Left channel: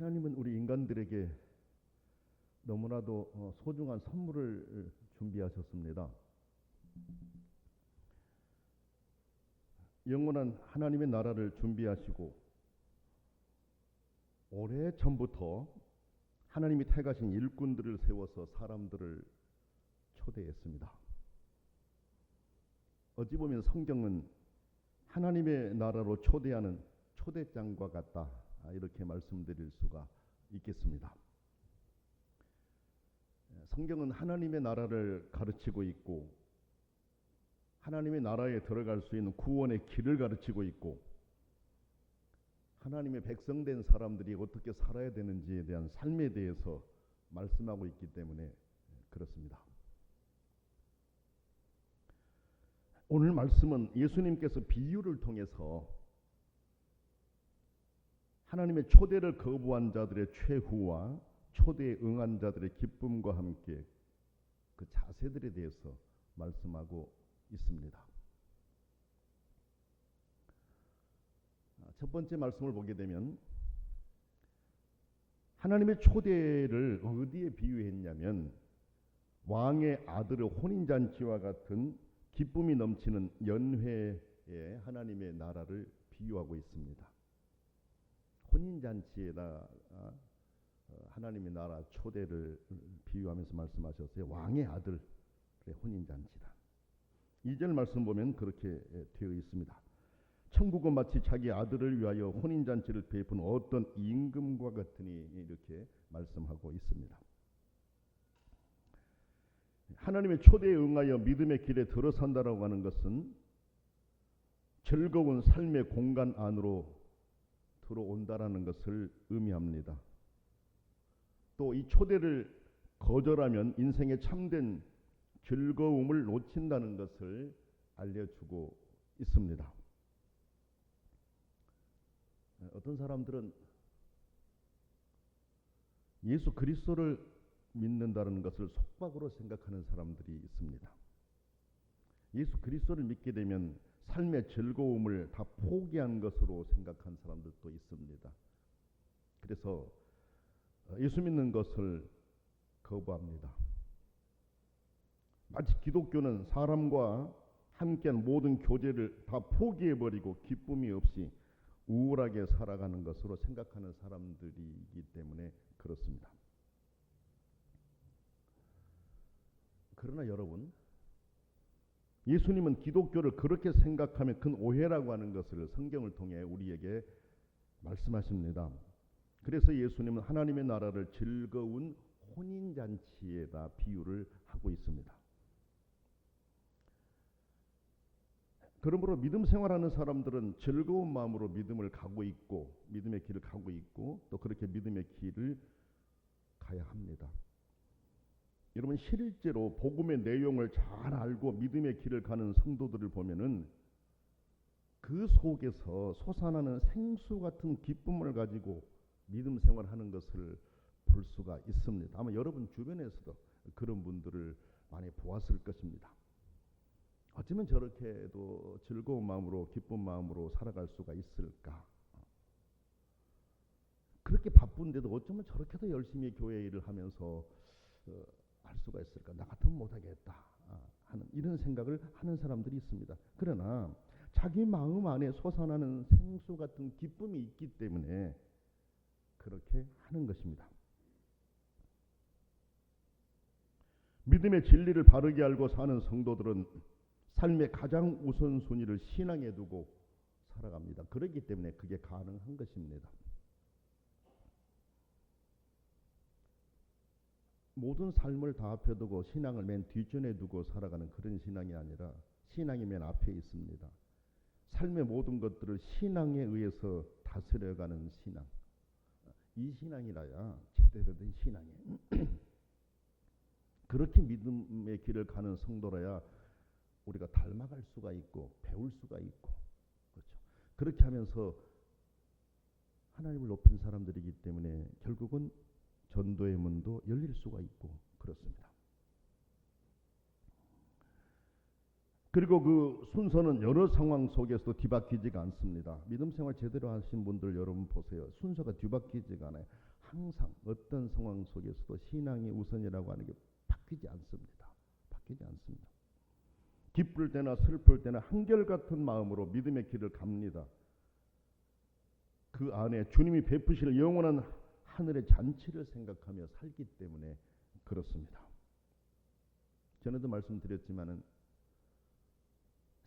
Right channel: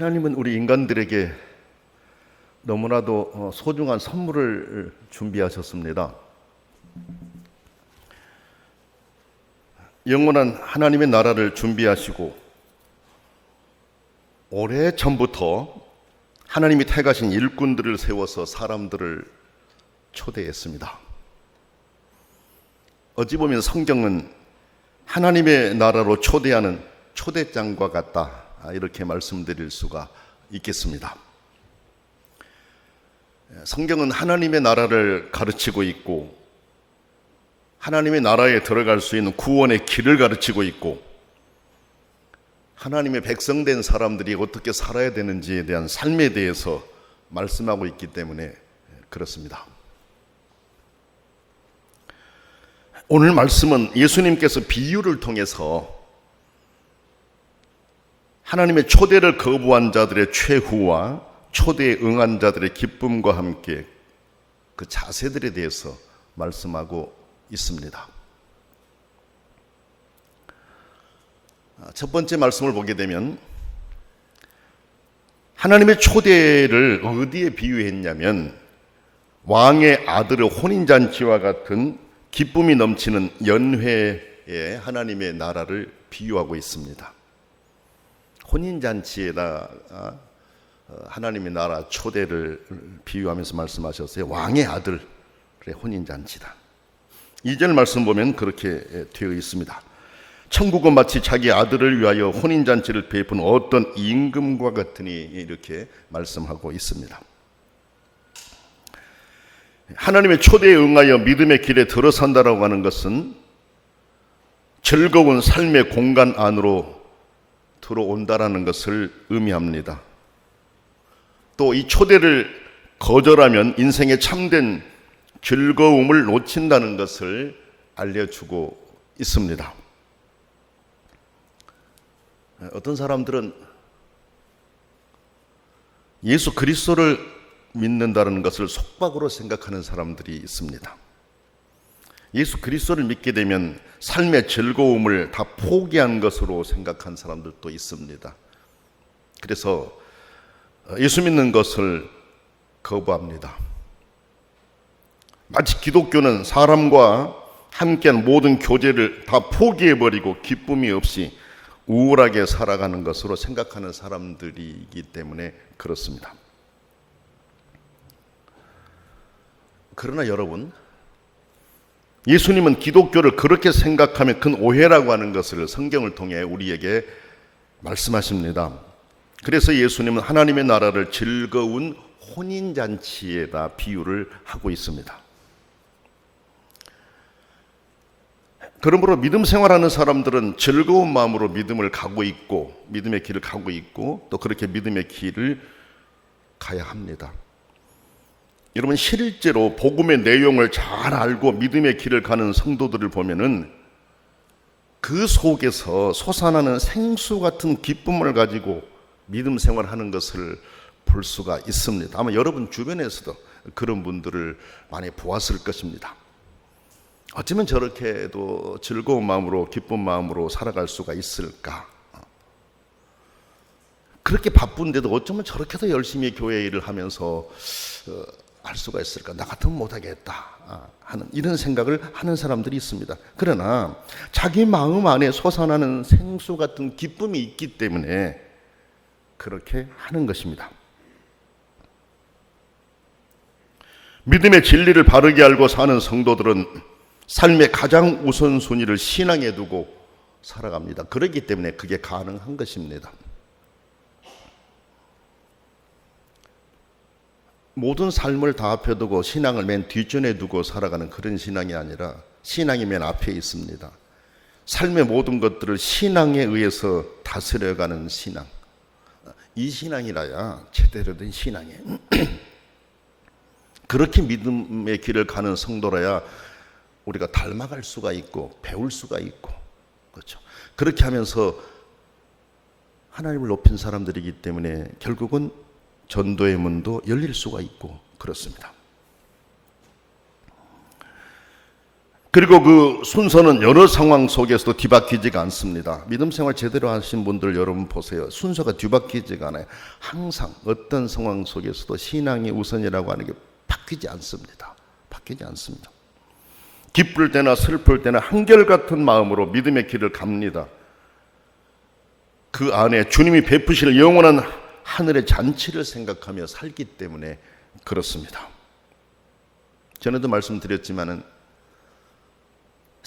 하나님은 우리 인간들에게 너무나도 소중한 선물을 준비하셨습니다. 영원한 하나님의 나라를 준비하시고 오래전부터 하나님이 택하신 일꾼들을 세워서 사람들을 초대했습니다. 어찌 보면 성경은 하나님의 나라로 초대하는 초대장과 같다, 이렇게 말씀드릴 수가 있겠습니다. 성경은 하나님의 나라를 가르치고 있고 하나님의 나라에 들어갈 수 있는 구원의 길을 가르치고 있고 하나님의 백성된 사람들이 어떻게 살아야 되는지에 대한 삶에 대해서 말씀하고 있기 때문에 그렇습니다. 오늘 말씀은 예수님께서 비유를 통해서 하나님의 초대를 거부한 자들의 최후와 초대에 응한 자들의 기쁨과 함께 그 자세들에 대해서 말씀하고 있습니다. 첫 번째 말씀을 보게 되면 하나님의 초대를 어디에 비유했냐면 왕의 아들의 혼인잔치와 같은 기쁨이 넘치는 연회에 하나님의 나라를 비유하고 있습니다. 혼인잔치에다 하나님의 나라 초대를 비유하면서 말씀하셨어요. 왕의 아들의 혼인잔치다. 2절 말씀 보면 그렇게 되어 있습니다. 천국은 마치 자기 아들을 위하여 혼인잔치를 베푼 어떤 임금과 같으니, 이렇게 말씀하고 있습니다. 하나님의 초대에 응하여 믿음의 길에 들어선다라고 하는 것은 즐거운 삶의 공간 안으로 들어온다라는 것을 의미합니다. 또 이 초대를 거절하면 인생의 참된 즐거움을 놓친다는 것을 알려주고 있습니다. 어떤 사람들은 예수 그리스도를 믿는다는 것을 속박으로 생각하는 사람들이 있습니다. 예수 그리스도를 믿게 되면 삶의 즐거움을 다 포기한 것으로 생각한 사람들도 있습니다. 그래서 예수 믿는 것을 거부합니다. 마치 기독교는 사람과 함께한 모든 교제를 다 포기해버리고 기쁨이 없이 우울하게 살아가는 것으로 생각하는 사람들이기 때문에 그렇습니다. 그러나 여러분, 예수님은 기독교를 그렇게 생각하면 큰 오해라고 하는 것을 성경을 통해 우리에게 말씀하십니다. 그래서 예수님은 하나님의 나라를 즐거운 혼인잔치에다 비유를 하고 있습니다. 그러므로 믿음 생활하는 사람들은 즐거운 마음으로 믿음을 가고 있고 믿음의 길을 가고 있고 또 그렇게 믿음의 길을 가야 합니다. 여러분, 실제로 복음의 내용을 잘 알고 믿음의 길을 가는 성도들을 보면은 그 속에서 솟아나는 생수 같은 기쁨을 가지고 믿음 생활하는 것을 볼 수가 있습니다. 아마 여러분 주변에서도 그런 분들을 많이 보았을 것입니다. 어쩌면 저렇게도 즐거운 마음으로 기쁜 마음으로 살아갈 수가 있을까? 그렇게 바쁜데도 어쩌면 저렇게도 열심히 교회 일을 하면서 할 수가 있을까? 나 같으면 못하겠다 하는 이런 생각을 하는 사람들이 있습니다. 그러나 자기 마음 안에 솟아나는 생수 같은 기쁨이 있기 때문에 그렇게 하는 것입니다. 믿음의 진리를 바르게 알고 사는 성도들은 삶의 가장 우선순위를 신앙에 두고 살아갑니다. 그렇기 때문에 그게 가능한 것입니다. 모든 삶을 다 앞에 두고 신앙을 맨 뒷전에 두고 살아가는 그런 신앙이 아니라 신앙이 맨 앞에 있습니다. 삶의 모든 것들을 신앙에 의해서 다스려가는 신앙, 이 신앙이라야 제대로 된 신앙이에요. 그렇게 믿음의 길을 가는 성도라야 우리가 닮아갈 수가 있고 배울 수가 있고, 그렇죠. 그렇게 하면서 하나님을 높인 사람들이기 때문에 결국은 전도의 문도 열릴 수가 있고 그렇습니다. 그리고 그 순서는 여러 상황 속에서도 뒤바뀌지가 않습니다. 믿음 생활 제대로 하신 분들 여러분 보세요. 순서가 뒤바뀌지가 않아요. 항상 어떤 상황 속에서도 신앙이 우선이라고 하는 게 바뀌지 않습니다. 바뀌지 않습니다. 기쁠 때나 슬플 때나 한결같은 마음으로 믿음의 길을 갑니다. 그 안에 주님이 베푸실 영원한 하늘의 잔치를 생각하며 살기 때문에 그렇습니다. 전에도 말씀드렸지만은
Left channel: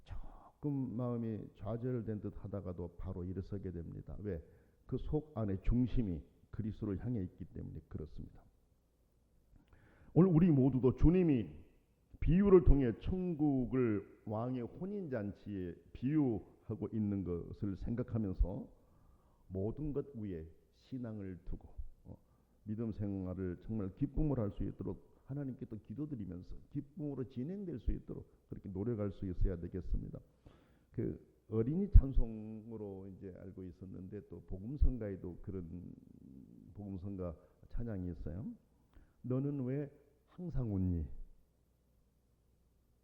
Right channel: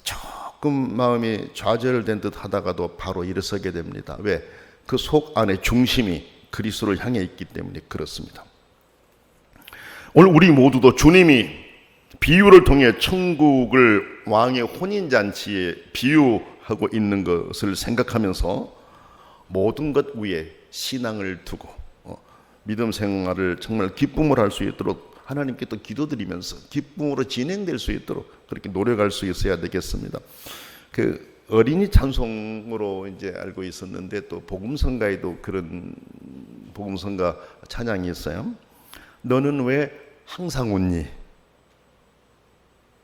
조금 마음이 좌절된 듯 하다가도 바로 일어서게 됩니다. 왜? 그 속 안에 중심이 그리스도를 향해 있기 때문에 그렇습니다. 오늘 우리 모두도 주님이 비유를 통해 천국을 왕의 혼인잔치에 비유하고 있는 것을 생각하면서 모든 것 위에 신앙을 두고 믿음 생활을 정말 기쁨으로 할 수 있도록 하나님께 또 기도드리면서 기쁨으로 진행될 수 있도록 그렇게 노력할 수 있어야 되겠습니다. 그 어린이 찬송으로 이제 알고 있었는데 또 복음성가에도 그런 복음성가 찬양이 있어요. 너는 왜 항상 웃니?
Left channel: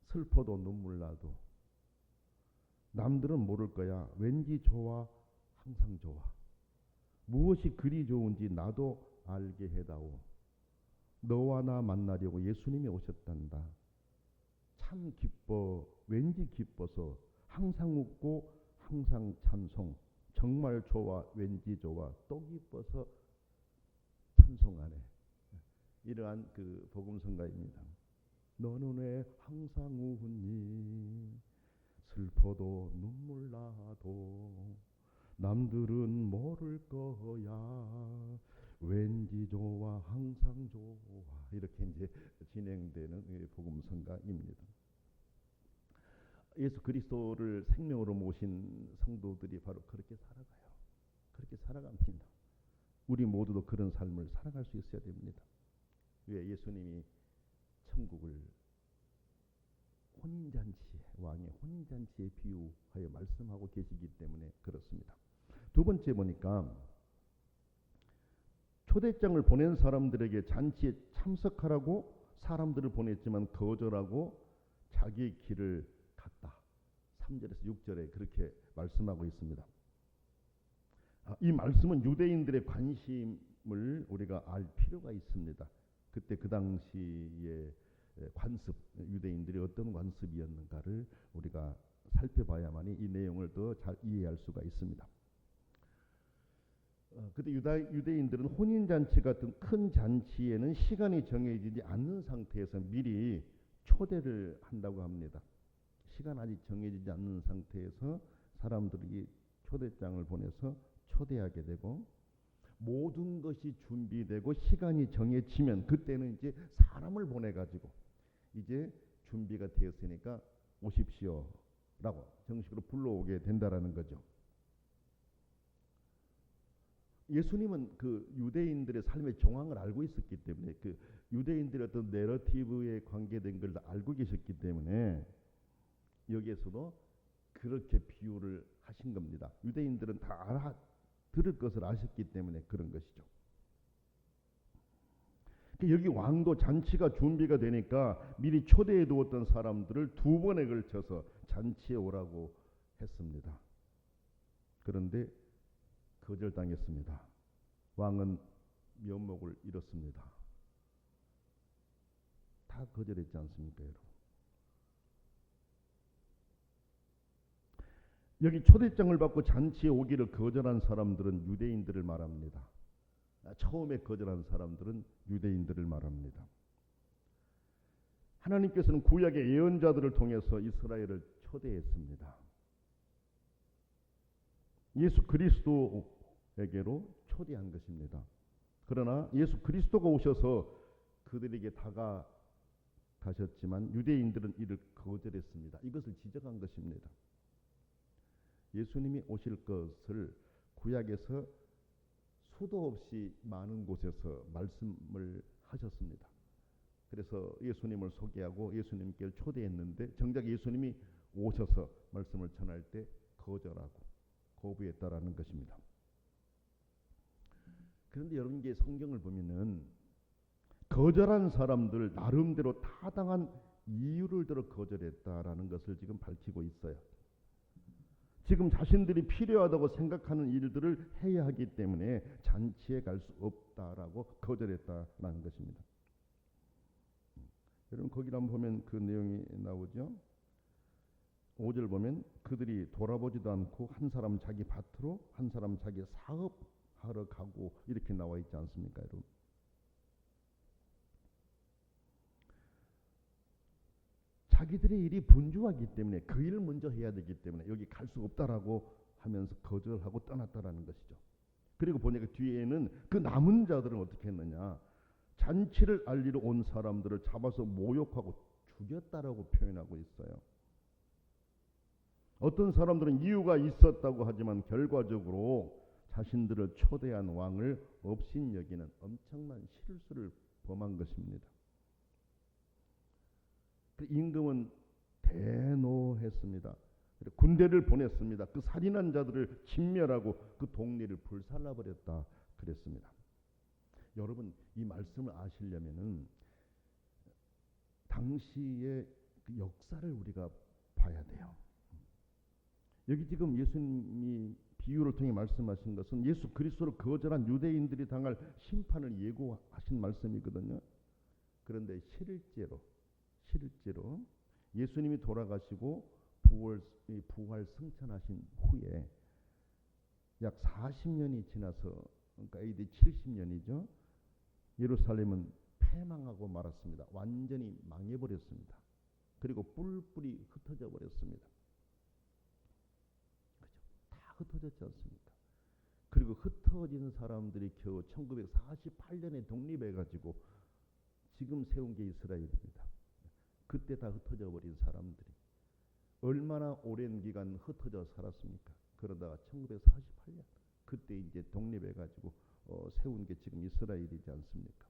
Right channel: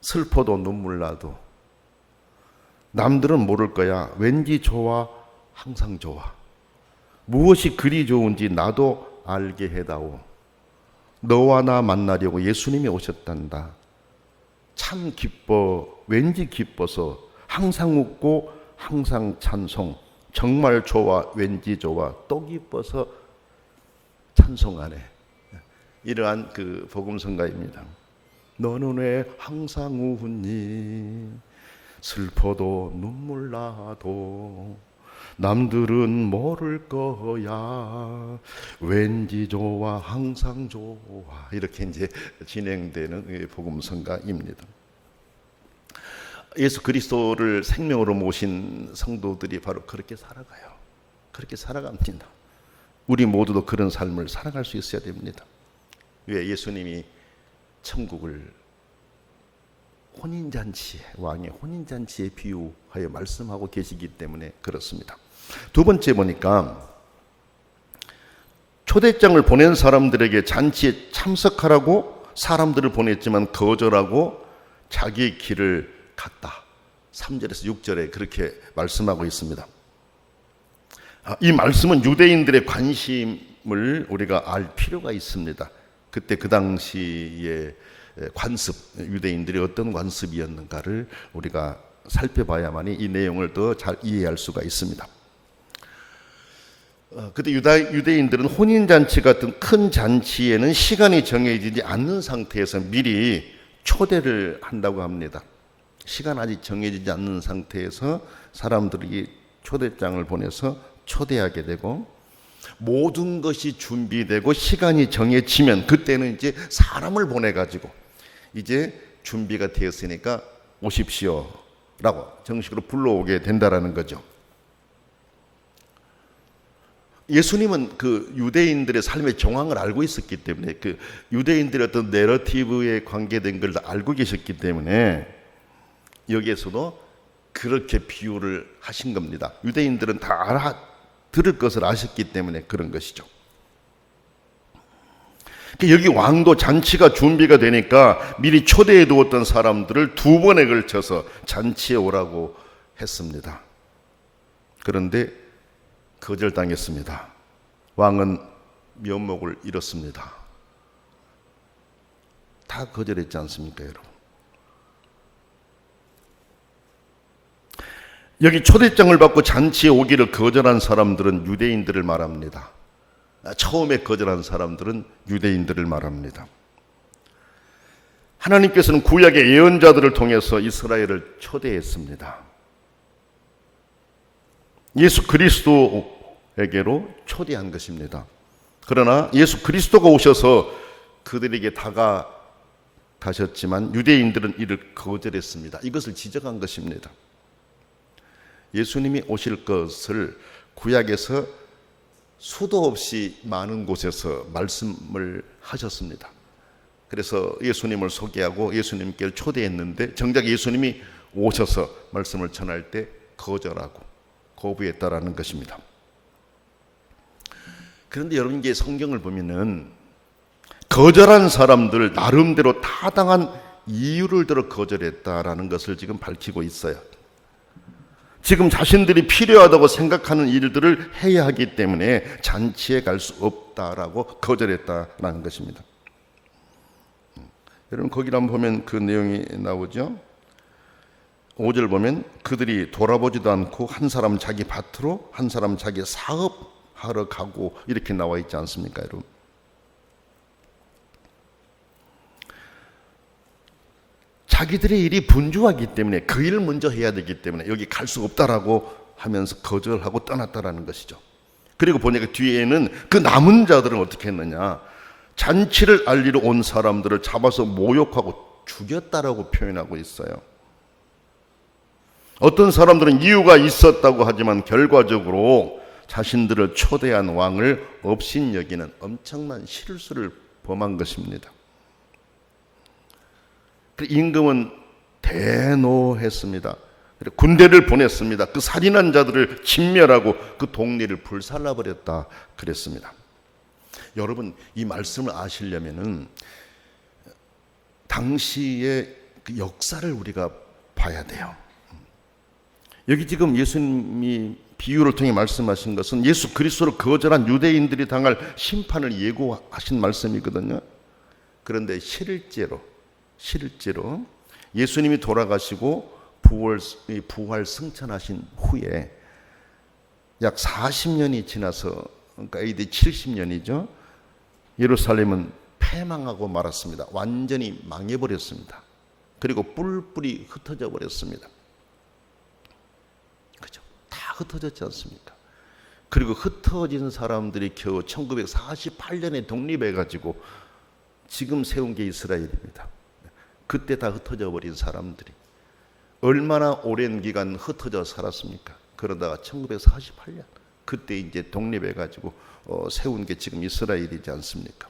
슬퍼도 눈물 나도 남들은 모를 거야. 왠지 좋아, 항상 좋아. 무엇이 그리 좋은지 나도 알게 해다오. 너와 나 만나려고 예수님이 오셨단다. 참 기뻐, 왠지 기뻐서 항상 웃고 항상 찬송. 정말 좋아, 왠지 좋아, 또 기뻐서 찬송하네. 이러한 그 복음성가입니다. 너는 왜 항상 웃니? 슬퍼도 눈물 나도 남들은 모를 거야. 왠지 좋아, 항상 좋아. 이렇게 이제 진행되는 복음성가입니다. 예수 그리스도를 생명으로 모신 성도들이 바로 그렇게 살아가요. 그렇게 살아갑니다. 우리 모두도 그런 삶을 살아갈 수 있어야 됩니다. 왜? 예수님이 천국을 혼인잔치에, 왕의 혼인잔치에 비유하여 말씀하고 계시기 때문에 그렇습니다. 두 번째 보니까 초대장을 보낸 사람들에게 잔치에 참석하라고 사람들을 보냈지만 거절하고 자기의 길을 갔다. 3절에서 6절에 그렇게 말씀하고 있습니다. 이 말씀은 유대인들의 관심을 우리가 알 필요가 있습니다. 그때 그 당시에 관습, 유대인들이 어떤 관습이었는가를 우리가 살펴봐야만이 이 내용을 더 잘 이해할 수가 있습니다. 그때 유대인들은 혼인잔치 같은 큰 잔치에는 시간이 정해지지 않는 상태에서 미리 초대를 한다고 합니다. 시간 아직 정해지지 않는 상태에서 사람들이 초대장을 보내서 초대하게 되고 모든 것이 준비되고 시간이 정해지면 그때는 이제 사람을 보내가지고 이제 준비가 되었으니까 오십시오 라고 정식으로 불러오게 된다라는 거죠. 예수님은 그 유대인들의 삶의 정황을 알고 있었기 때문에 그 유대인들의 어떤 내러티브에 관계된 걸 다 알고 계셨기 때문에 여기에서도 그렇게 비유를 하신 겁니다. 유대인들은 다 들을 것을 아셨기 때문에 그런 것이죠. 여기 왕도 잔치가 준비가 되니까 미리 초대해 두었던 사람들을 2번에 걸쳐서 잔치에 오라고 했습니다. 그런데 거절당했습니다. 왕은 면목을 잃었습니다. 다 거절했지 않습니까, 여러분? 여기 초대장을 받고 잔치에 오기를 거절한 사람들은 유대인들을 말합니다. 처음에 거절한 사람들은 유대인들을 말합니다. 하나님께서는 구약의 예언자들을 통해서 이스라엘을 초대했습니다. 예수 그리스도에게로 초대한 것입니다. 그러나 예수 그리스도가 오셔서 그들에게 다가가셨지만 유대인들은 이를 거절했습니다. 이것을 지적한 것입니다. 예수님이 오실 것을 구약에서 수도 없이 많은 곳에서 말씀을 하셨습니다. 그래서 예수님을 소개하고 예수님께 초대했는데 정작 예수님이 오셔서 말씀을 전할 때 거절하고 거부했다라는 것입니다. 그런데 여러분 이게 성경을 보면은 거절한 사람들 나름대로 타당한 이유를 들어 거절했다라는 것을 지금 밝히고 있어요. 지금 자신들이 필요하다고 생각하는 일들을 해야 하기 때문에 잔치에 갈 수 없다라고 거절했다라는 것입니다. 여러분 거기를 한번 보면 그 내용이 나오죠. 5절 보면 그들이 돌아보지도 않고 한 사람 자기 밭으로 한 사람 자기 사업하러 가고 이렇게 나와 있지 않습니까, 여러분? 자기들의 일이 분주하기 때문에 그 일을 먼저 해야 되기 때문에 여기 갈 수 없다라고 하면서 거절하고 떠났다라는 것이죠. 그리고 보니까 뒤에는 그 남은 자들은 어떻게 했느냐, 잔치를 알리러 온 사람들을 잡아서 모욕하고 죽였다라고 표현하고 있어요. 어떤 사람들은 이유가 있었다고 하지만 결과적으로 자신들을 초대한 왕을 업신여기는 엄청난 실수를 범한 것입니다. 임금은 대노했습니다. 군대를 보냈습니다. 그 살인한 자들을 진멸하고 그 동네를 불살라버렸다 그랬습니다. 여러분 이 말씀을 아시려면은 당시의 그 역사를 우리가 봐야 돼요. 여기 지금 예수님이 비유를 통해 말씀하신 것은 예수 그리스도를 거절한 유대인들이 당할 심판을 예고하신 말씀이거든요. 그런데 실제로 예수님이 돌아가시고 부활 승천하신 후에 약 40년이 지나서, 그러니까 AD 70년이죠. 예루살렘은 패망하고 말았습니다. 완전히 망해버렸습니다. 그리고 뿔뿔이 흩어져 버렸습니다. 그죠? 다 흩어졌지 않습니까? 그리고 흩어진 사람들이 겨우 1948년에 독립해가지고 지금 세운 게 이스라엘입니다. 그때 다 흩어져 버린 사람들이 얼마나 오랜 기간 흩어져 살았습니까? 그러다가 1948년 그때 이제 독립해가지고 세운 게 지금 이스라엘이지 않습니까?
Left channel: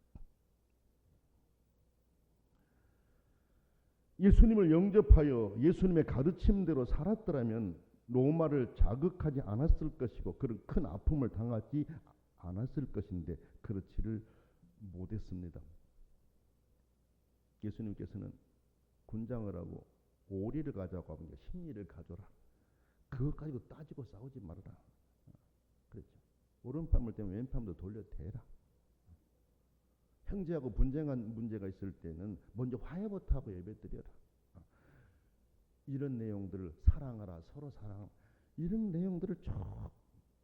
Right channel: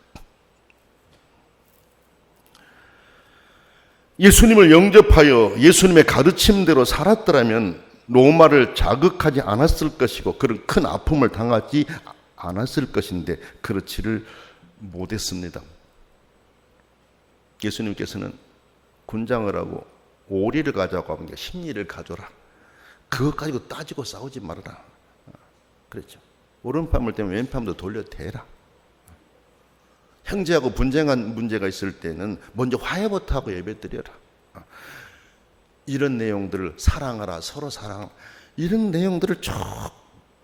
예수님을 영접하여 예수님의 가르침대로 살았더라면 로마를 자극하지 않았을 것이고 그런 큰 아픔을 당하지 않았을 것인데 그렇지를 못했습니다. 예수님께서는 군장을 하고 오리를 가져가고 하면 심리를 가져라. 그것 가지고 따지고 싸우지 말아라. 그랬죠. 오른팔을 때문에 왼팔도 돌려대라. 형제하고 분쟁한 문제가 있을 때는 먼저 화해부터 하고 예배드려라. 이런 내용들을 사랑하라, 서로 사랑하라. 이런 내용들을 쭉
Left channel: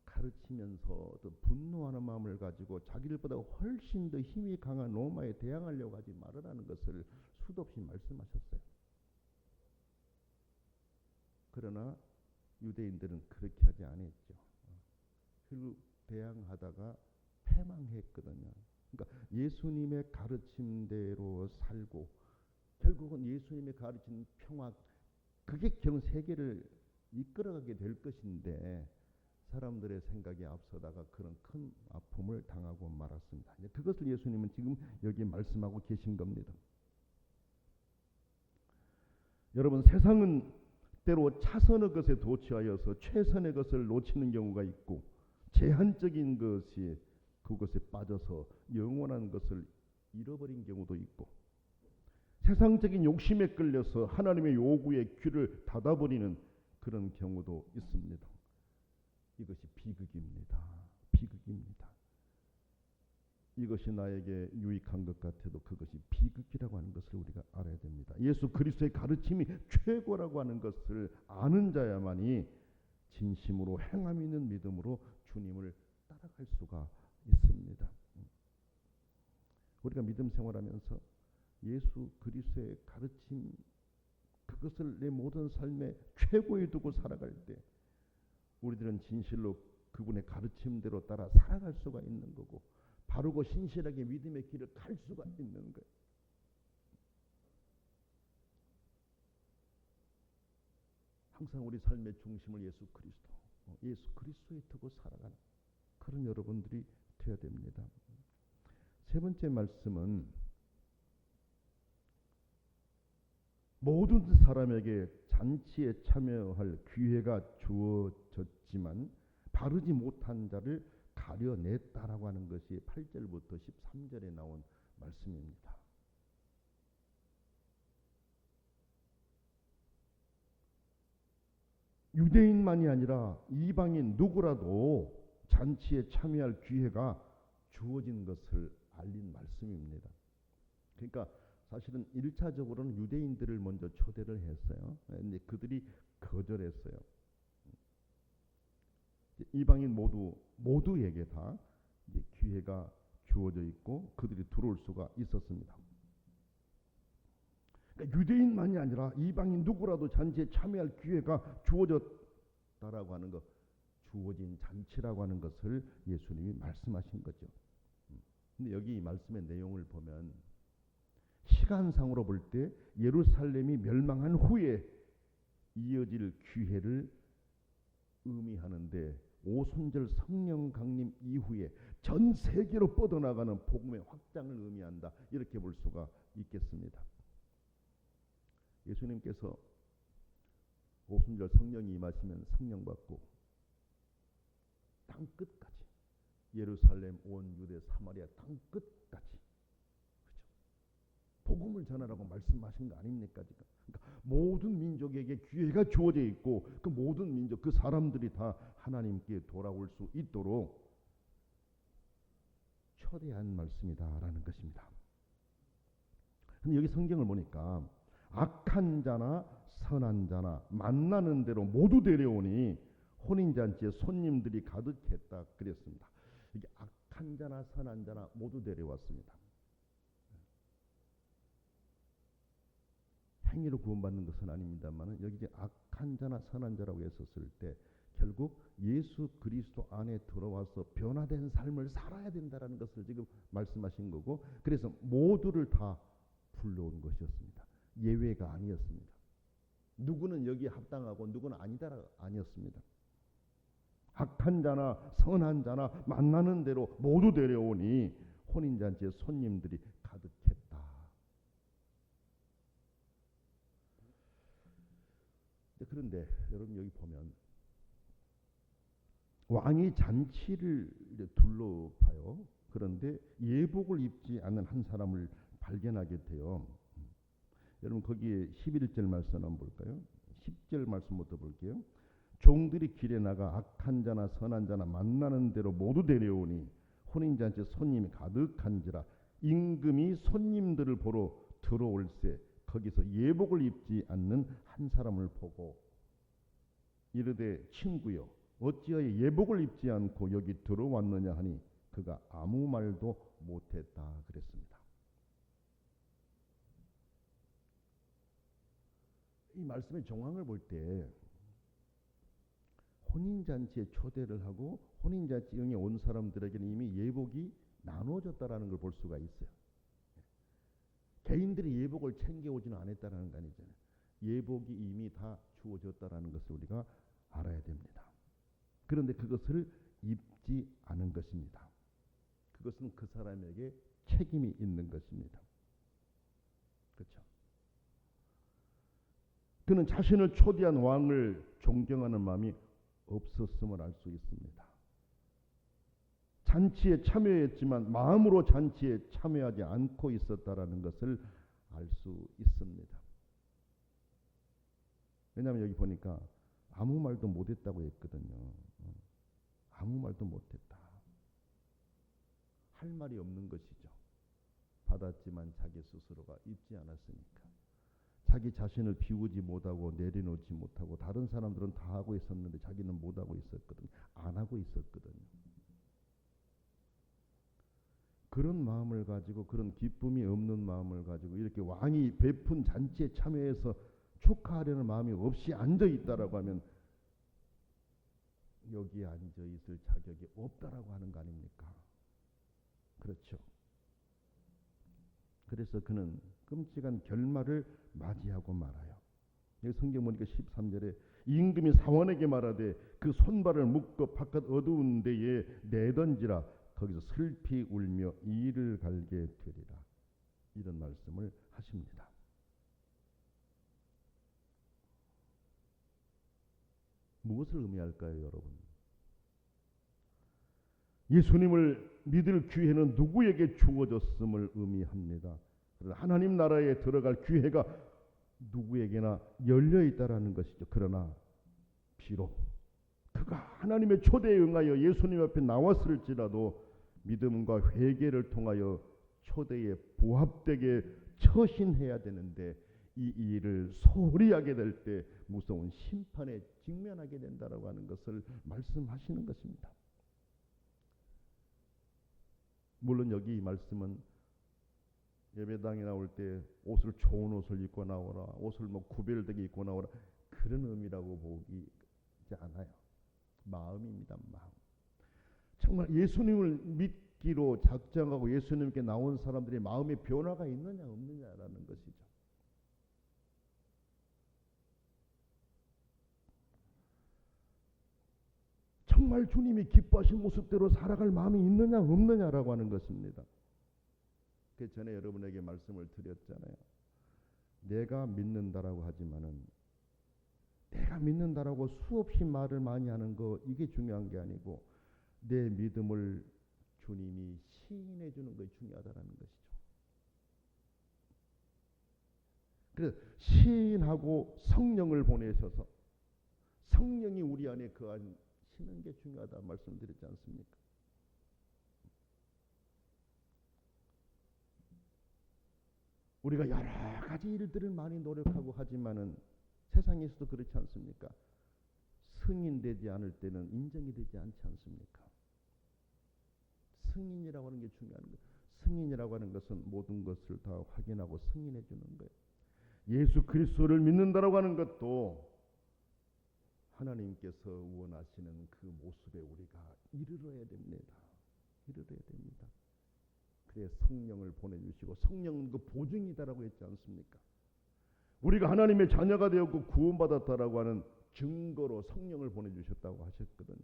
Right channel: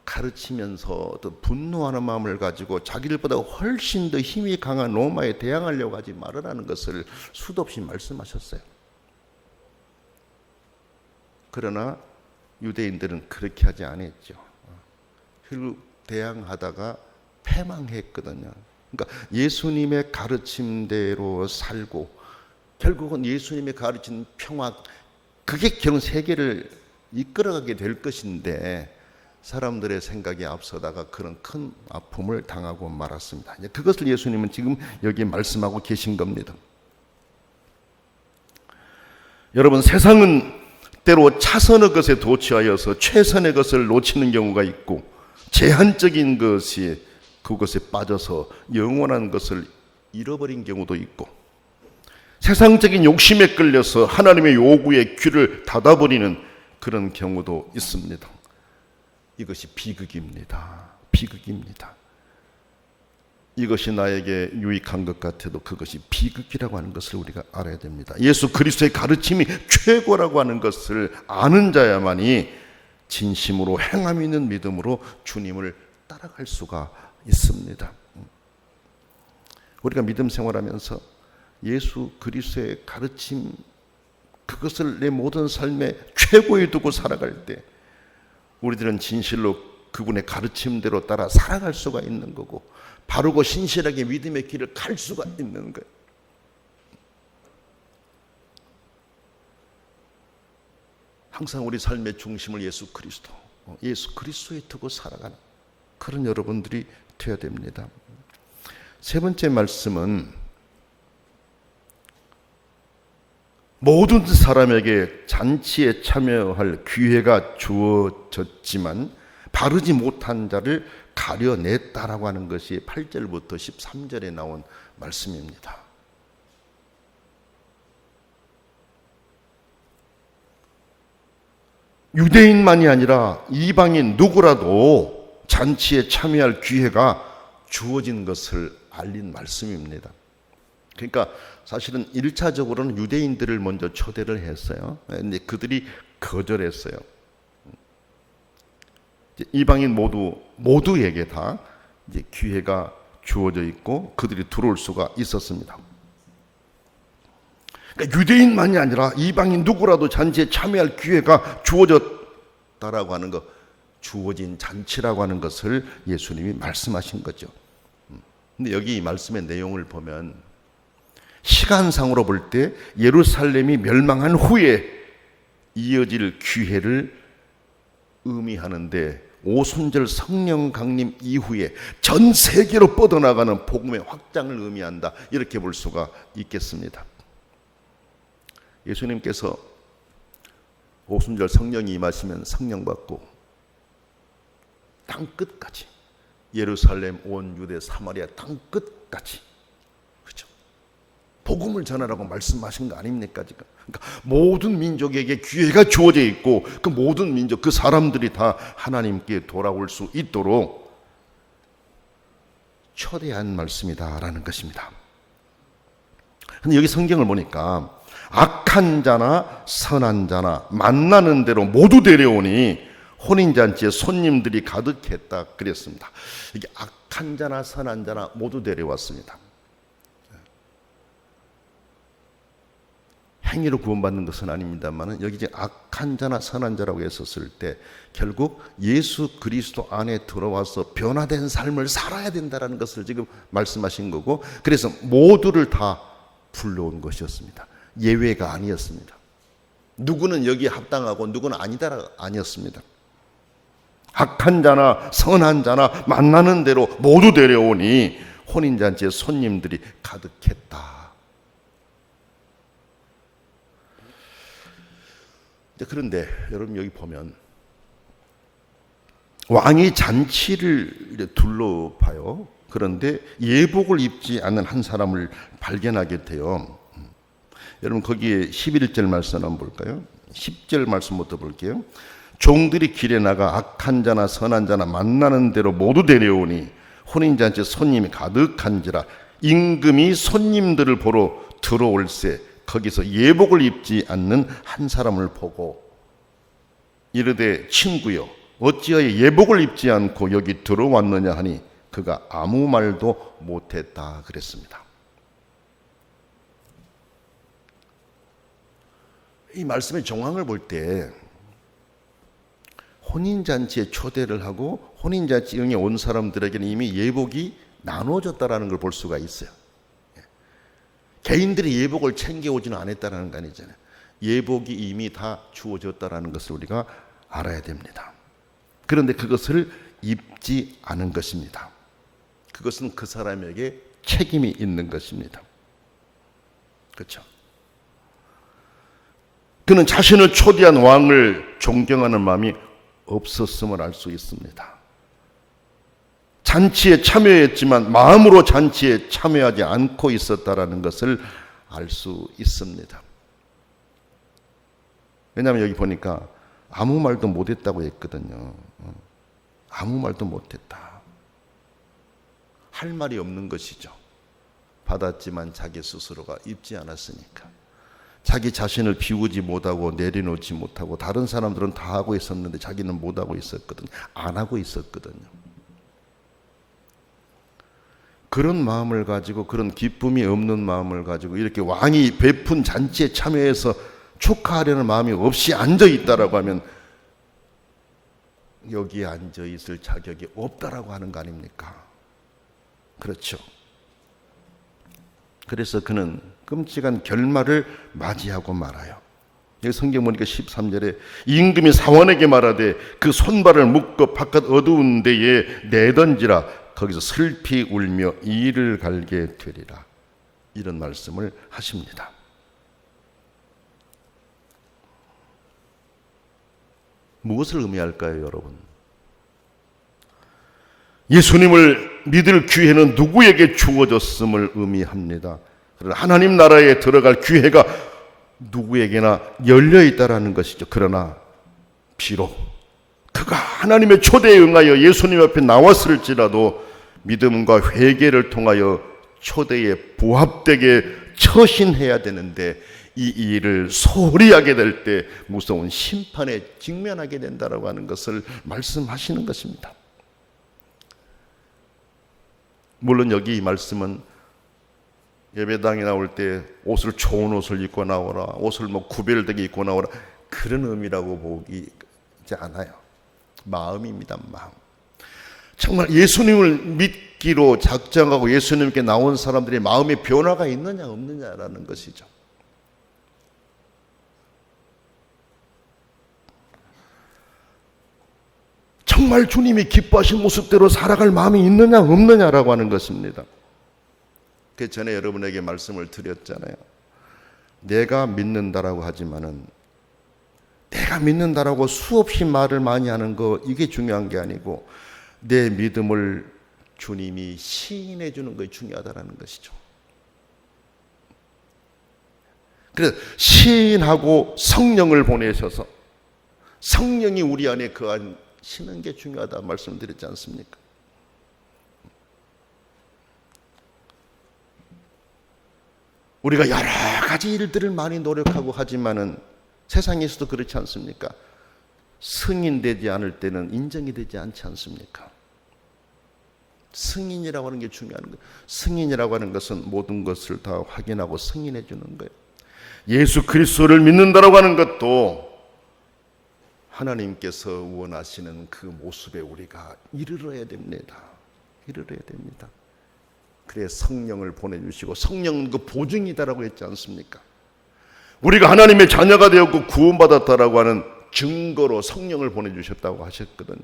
가르치면서 또 분노하는 마음을 가지고 자기들보다 훨씬 더 힘이 강한 로마에 대항하려고 하지 말으라는 것을 수도 없이 말씀하셨어요. 그러나 유대인들은 그렇게 하지 않았죠. 결국 대항하다가 패망했거든요. 그러니까 예수님의 가르침대로 살고 결국은 예수님의 가르친 평화, 그게 결국 세계를 이끌어가게 될 것인데 사람들의 생각에 앞서다가 그런 큰 아픔을 당하고 말았습니다. 그것을 예수님은 지금 여기 말씀하고 계신 겁니다. 여러분, 세상은 때로 차선의 것에 도취하여서 최선의 것을 놓치는 경우가 있고 제한적인 것이 그것에 빠져서 영원한 것을 잃어버린 경우도 있고 세상적인 욕심에 끌려서 하나님의 요구에 귀를 닫아버리는 그런 경우도 있습니다. 이것이 비극입니다. 비극입니다. 이것이 나에게 유익한 것 같아도 그것이 비극이라고 하는 것을 우리가 알아야 됩니다. 예수 그리스도의 가르침이 최고라고 하는 것을 아는 자야만이 진심으로 행함 있는 믿음으로 주님을 따라갈 수가 있습니다. 우리가 믿음 생활하면서 예수 그리스도의 가르침, 그것을 내 모든 삶의 최고에 두고 살아갈 때 우리들은 진실로 그분의 가르침대로 따라 살아갈 수가 있는 거고 바르고 신실하게 믿음의 길을 갈 수가 있는 거예요. 항상 우리 삶의 중심을 예수 그리스도에 두고 살아가는 그런 여러분들이 되어야 됩니다. 세 번째 말씀은 모든 사람에게 잔치에 참여할 기회가 주어졌지만 바르지 못한 자를 가려냈다라고 하는 것이 8절부터 13절에 나온 말씀입니다. 유대인만이 아니라 이방인 누구라도 잔치에 참여할 기회가 주어진 것을 알린 말씀입니다. 그러니까 사실은 1차적으로는 유대인들을 먼저 초대를 했어요. 근데 그들이 거절했어요. 이방인 모두에게 다 이제 기회가 주어져 있고 그들이 들어올 수가 있었습니다. 그러니까 유대인만이 아니라 이방인 누구라도 잔치에 참여할 기회가 주어졌다라고 하는 것, 주어진 잔치라고 하는 것을 예수님이 말씀하신 거죠. 근데 여기 이 말씀의 내용을 보면 시간상으로 볼 때 예루살렘이 멸망한 후에 이어질 기회를 의미하는데 오순절 성령 강림 이후에 전 세계로 뻗어나가는 복음의 확장을 의미한다, 이렇게 볼 수가 있겠습니다. 예수님께서 오순절 성령이 임하시면 성령 받고 땅 끝까지, 예루살렘, 온 유대, 사마리아 땅 끝까지, 그렇죠? 복음을 전하라고 말씀하신 거 아닙니까 지금? 그러니까 모든 민족에게 기회가 주어져 있고 그 모든 민족, 그 사람들이 다 하나님께 돌아올 수 있도록 초대한 말씀이다라는 것입니다. 근데 여기 성경을 보니까 악한 자나 선한 자나 만나는 대로 모두 데려오니 혼인잔치에 손님들이 가득했다 그랬습니다. 이게 악한 자나 선한 자나 모두 데려왔습니다. 행위로 구원받는 것은 아닙니다만 여기 이제 악한 자나 선한 자라고 했었을 때 결국 예수 그리스도 안에 들어와서 변화된 삶을 살아야 된다는 것을 지금 말씀하신 거고, 그래서 모두를 다 불러온 것이었습니다. 예외가 아니었습니다. 누구는 여기에 합당하고 누구는 아니다가 아니었습니다. 악한 자나 선한 자나 만나는 대로 모두 데려오니 혼인잔치에 손님들이 가득했다. 그런데 여러분 여기 보면 왕이 잔치를 둘러봐요. 그런데 예복을 입지 않는 한 사람을 발견하게 돼요. 여러분 거기에 11절 말씀 한번 볼까요? 10절 말씀부터 볼게요. 종들이 길에 나가 악한 자나 선한 자나 만나는 대로 모두 데려오니 혼인잔치에 손님이 가득한지라 임금이 손님들을 보러 들어올새 거기서 예복을 입지 않는 한 사람을 보고 이르되 친구여 어찌하여 예복을 입지 않고 여기 들어왔느냐 하니 그가 아무 말도 못했다 그랬습니다. 이 말씀의 정황을 볼 때 혼인잔치에 초대를 하고 혼인잔치에 온 사람들에게는 이미 예복이 나눠졌다는 걸 볼 수가 있어요. 개인들이 예복을 챙겨오지는 않았다는 거 아니잖아요. 예복이 이미 다 주어졌다는 것을 우리가 알아야 됩니다. 그런데 그것을 입지 않은 것입니다. 그것은 그 사람에게 책임이 있는 것입니다. 그렇죠? 그는 자신을 초대한 왕을 존경하는 마음이 없었음을 알 수 있습니다. 잔치에 참여했지만 마음으로 잔치에 참여하지 않고 있었다라는 것을 알 수 있습니다. 왜냐하면 여기 보니까 아무 말도 못했다고 했거든요. 아무 말도 못했다. 할 말이 없는 것이죠. 받았지만 자기 스스로가 입지 않았으니까. 자기 자신을 비우지 못하고 내려놓지 못하고 다른 사람들은 다 하고 있었는데 자기는 못하고 있었거든요. 안 하고 있었거든요. 그런 마음을 가지고, 그런 기쁨이 없는 마음을 가지고 이렇게 왕이 베푼 잔치에 참여해서 축하하려는 마음이 없이 앉아있다라고 하면 여기에 앉아있을 자격이 없다라고 하는 거 아닙니까? 그렇죠. 그래서 그는 끔찍한 결말을 맞이하고 말아요. 여기 성경 보니까 13절에 임금이 사원에게 말하되 그 손발을 묶어 바깥 어두운 데에 내던지라 거기서 슬피 울며 이를 갈게 되리라. 이런 말씀을 하십니다. 무엇을 의미할까요, 여러분? 예수님을 믿을 기회는 누구에게 주어졌음을 의미합니다. 그러나 하나님 나라에 들어갈 기회가 누구에게나 열려 있다라는 것이죠. 그러나 비록 그가 하나님의 초대에 응하여 예수님 앞에 나왔을지라도 믿음과 회개를 통하여 초대에 부합되게 처신해야 되는데 이 일을 소홀히 하게 될 때 무서운 심판에 직면하게 된다라고 하는 것을 말씀하시는 것입니다. 물론 여기 이 말씀은 예배당에 나올 때 옷을 좋은 옷을 입고 나오라, 옷을 구별되게 입고 나오라, 그런 의미라고 보이지 않아요. 마음입니다. 마음. 정말 예수님을 믿기로 작정하고 예수님께 나온 사람들의 마음의 변화가 있느냐 없느냐라는 것이죠. 정말 주님이 기뻐하신 모습대로 살아갈 마음이 있느냐 없느냐라고 하는 것입니다. 그 전에 여러분에게 말씀을 드렸잖아요. 내가 믿는다라고 하지만은 내가 믿는다라고 수없이 말을 많이 하는 거, 이게 중요한 게 아니고 내 믿음을 주님이 시인해 주는 것이 중요하다는 것이죠. 그래서 시인하고 성령을 보내셔서 성령이 우리 안에 거하시는 게 중요하다 말씀드렸지 않습니까? 우리가 여러 가지 일들을 많이 노력하고 하지만은 세상에서도 그렇지 않습니까? 승인되지 않을 때는 인정이 되지 않지 않습니까? 승인이라고 하는 게 중요한 거예요. 승인이라고 하는 것은 모든 것을 다 확인하고 승인해 주는 거예요. 예수 그리스도를 믿는다라고 하는 것도 하나님께서 원하시는 그 모습에 우리가 이르러야 됩니다. 이르러야 됩니다. 그래 성령을 보내주시고, 성령은 그 보증이다라고 했지 않습니까? 우리가 하나님의 자녀가 되었고 구원받았다라고 하는 증거로 성령을 보내주셨다고 하셨거든요.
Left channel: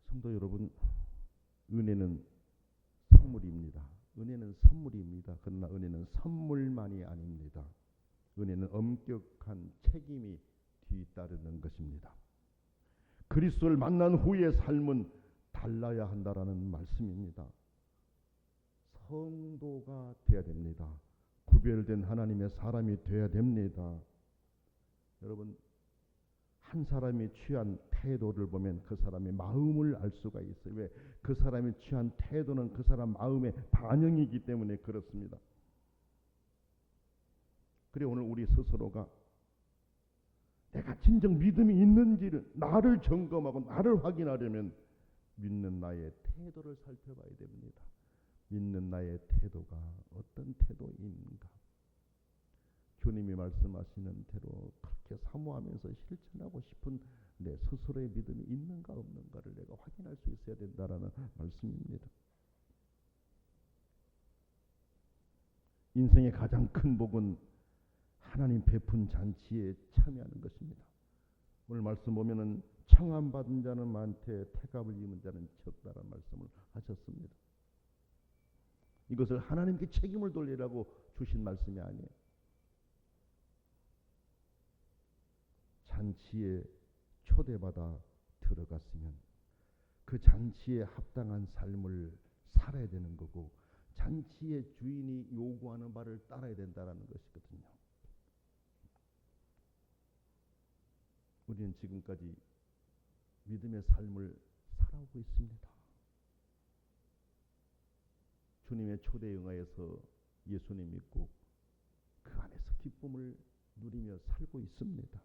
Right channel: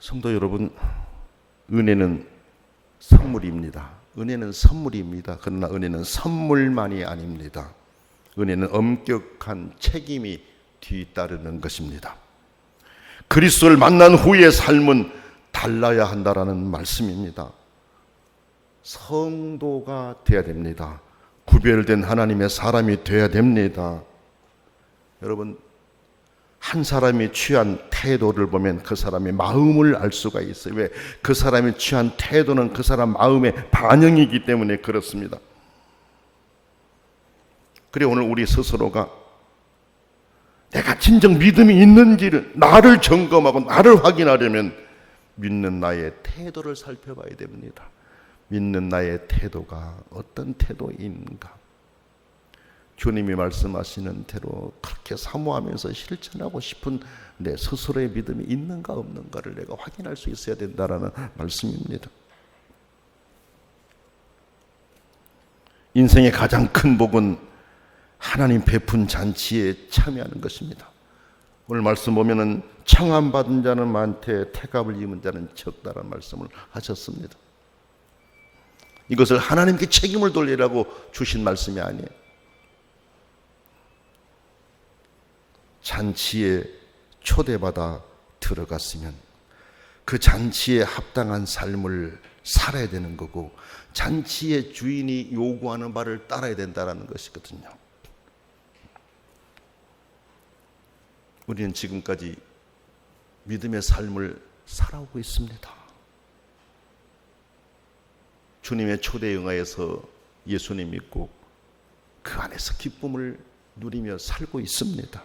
성도 여러분, 은혜는 선물입니다. 은혜는 선물입니다. 그러나 은혜는 선물만이 아닙니다. 은혜는 엄격한 책임이 뒤따르는 것입니다. 그리스도를 만난 후의 삶은 달라야 한다라는 말씀입니다. 성도가 되어야 됩니다. 구별된 하나님의 사람이 되어야 됩니다. 여러분, 한 사람이 취한 태도를 보면 그 사람의 마음을 알 수가 있어요. 왜? 그 사람이 취한 태도는 그 사람 마음의 반영이기 때문에 그렇습니다. 그래 오늘 우리 스스로가 내가 진정 믿음이 있는지를 나를 점검하고 나를 확인하려면 믿는 나의 태도를 살펴봐야 됩니다. 믿는 나의 태도가 어떤 태도인가? 주님이 말씀하시는 대로 그렇게 사모하면서 실천하고 싶은 내 스스로의 믿음이 있는가 없는가를 내가 확인할 수 있어야 된다라는 말씀입니다. 인생의 가장 큰 복은 하나님 베푼 잔치에 참여하는 것입니다. 오늘 말씀 보면은 청함받은 자는 많되 태갑을 입은 자는 적다라는 말씀을 하셨습니다. 이것을 하나님께 책임을 돌리라고 주신 말씀이 아니에요. 잔치에 초대받아 들어갔으면 그 잔치에 합당한 삶을 살아야 되는 거고, 잔치의 주인이 요구하는 바를 따라야 된다는 것이거든요. 우리는 지금까지 믿음의 삶을 살아오고 있습니다. 주님의 초대에 응하여서 예수님 믿고 그 안에서 기쁨을 누리며 살고 있습니다.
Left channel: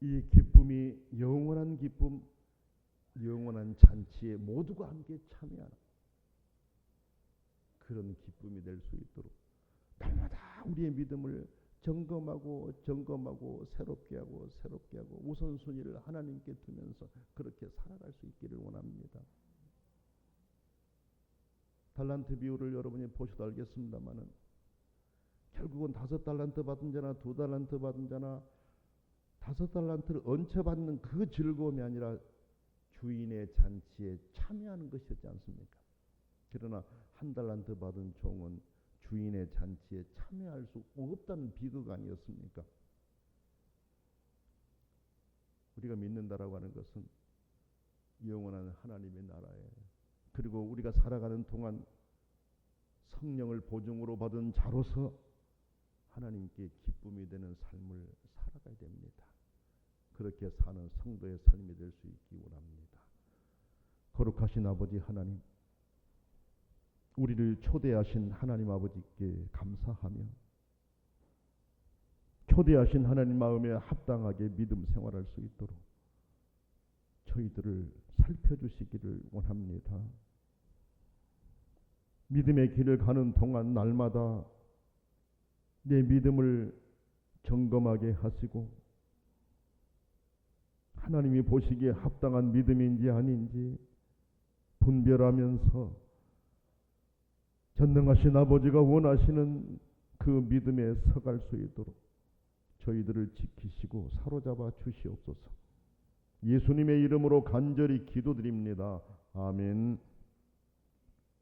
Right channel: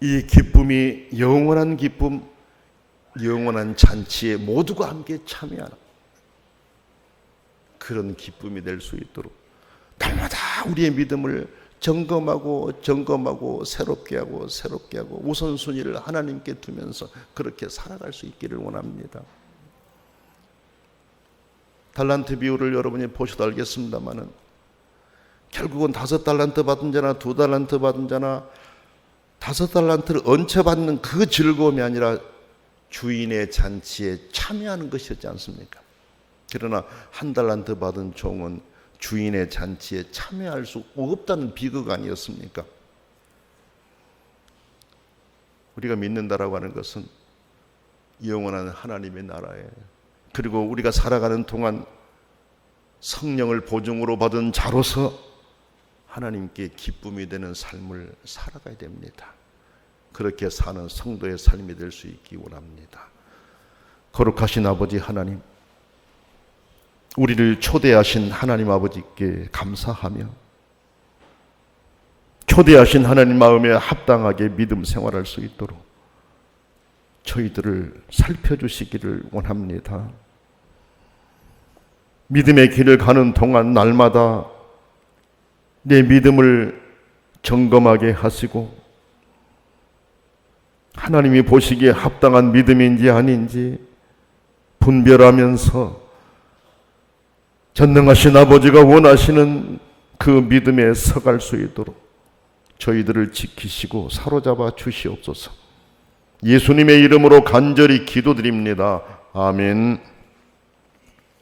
이 기쁨이 영원한 기쁨, 영원한 잔치에 모두가 함께 참여하는 그런 기쁨이 될 수 있도록 날마다 우리의 믿음을 점검하고 새롭게 하고 우선순위를 하나님께 두면서 그렇게 살아갈 수 있기를 원합니다. 달란트 비유를 여러분이 보셔도 알겠습니다만은 결국은 5달란트 받은 자나 2달란트 받은 자나 5달란트를 얹혀받는 그 즐거움이 아니라 주인의 잔치에 참여하는 것이었지 않습니까? 그러나 1달란트 받은 종은 주인의 잔치에 참여할 수 없다는 비극 아니었습니까? 우리가 믿는다라고 하는 것은 영원한 하나님의 나라에, 그리고 우리가 살아가는 동안 성령을 보증으로 받은 자로서 하나님께 기쁨이 되는 삶을 살아가야 됩니다. 그렇게 사는 성도의 삶이 될 수 있기 원합니다. 거룩하신 아버지 하나님, 우리를 초대하신 하나님 아버지께 감사하며 초대하신 하나님 마음에 합당하게 믿음 생활할 수 있도록 저희들을 살펴주시기를 원합니다. 믿음의 길을 가는 동안 날마다 내 믿음을 점검하게 하시고 하나님이 보시기에 합당한 믿음인지 아닌지 분별하면서 전능하신 아버지가 원하시는 그 믿음에 서갈 수 있도록 저희들을 지키시고 사로잡아 주시옵소서. 예수님의 이름으로 간절히 기도드립니다. 아멘.